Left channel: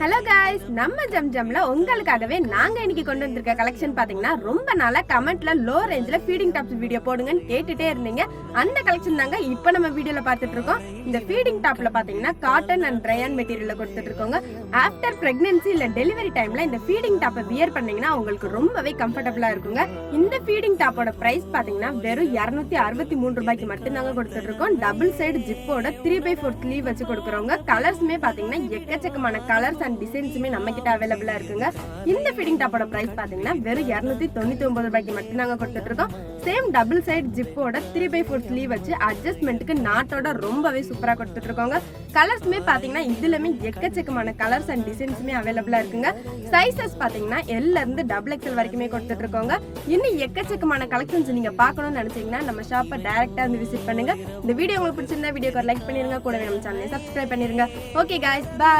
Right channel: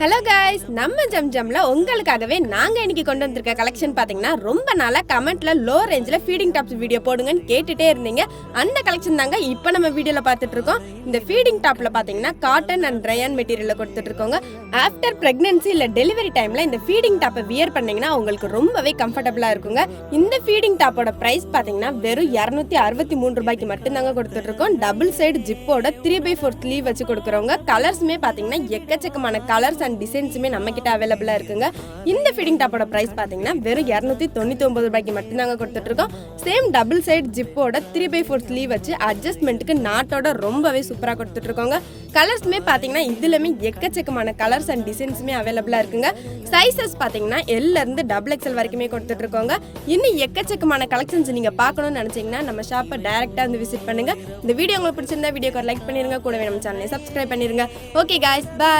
Hello guys, நம்ம ஜம்ஜம்ல உங்களுக்காகவே நாங்க இன்னைக்கு கொண்டு வந்திருக்க கலெக்ஷன் பாத்தீங்கன்னா ரொம்ப நாளா கமெண்ட்ல லோ ரேஞ்சில ஃபீடிங் டாப்ஸ் வீடியோ போடுங்கன்னு கேட்டுட்டே இருந்தீங்க. அந்த கலெக்ஷன் தாங்க இப்போ நம்ம வீடியோல பார்த்துட்டு இருக்கோம். இந்த ஃபீடிங் டாப்ல பாத்தீங்கன்னா காட்டன் அண்ட் ரயான் மெட்டீரியல்ல கொடுத்துட்டு இருக்கோங்க. ஆஃப்டர் பிரெக்னன்சி இல்ல டெலிவரி டைம்ல இந்த ஃபீடிங் டாப்பை வியர் பண்ணீங்கன்னா உங்களுக்கு ரொம்பவே கம்ஃபர்டபுளா இருக்குங்க. இந்த ஃபீடிங் டாப்போட பிரைஸ் பாத்தீங்கன்னா வெறும் 263 ரூபாய்க்கு மட்டும் தாங்க கொடுத்துட்டு இருக்கோம். டபுள் சைடு ஜிப்போட 3/4 ஸ்லீவ் வச்சு கொடுக்குறவங்க. கலர்ஸ்மே பாத்தீங்கன்னா எக்கச்சக்கமான கலர்ஸ் அண்ட் டிசைன்ஸுமே நம்ம கிட்ட அவைலபிளா இருக்குங்க. இந்த ஃபீடிங் டாப்போட பிரைஸ் பாத்தீங்கன்னா வெறும் 299 ரூபாய்க்கு மட்டும் தாங்க கொடுத்துட்டு இருக்கோம். சேம் டபுள் சைடு ஜிப்போட 3/4 ஸ்லீவ் வச்சு அட்ஜஸ்ட்மெண்ட்டுக்கு நாட்டோட ரொம்பவே சூப்பரா கொடுத்துட்டு இருக்கோங்க. கலர்ஸ்மே பாத்தீங்கன்னா இதுலமே எக்கச்சக்கமான கலர்ஸ் அண்ட் டிசைன்ஸுமே அவைலபிளா இருக்குங்க. சைசஸ் பாத்தீங்கன்னா L இருந்து XXL வரைக்குமே கொடுத்துட்டு இருக்கோங்க. இன்னும் எக்கச்சக்கமான கலெக்ஷன்ஸ் நீங்க பார்க்கணும்னு நினைச்சீங்கன்னா நம்ம ஷாப்பை டைரக்டா வந்து விசிட் பண்ணுங்க. இந்த வீடியோ உங்களுக்கு பிடிச்சிருந்தா வீடியோக்கு லைக் பண்ணிருங்க, கூடவே நம்ம சேனலை சப்ஸ்கிரைப் பண்ணிருங்க. Okay guys, by.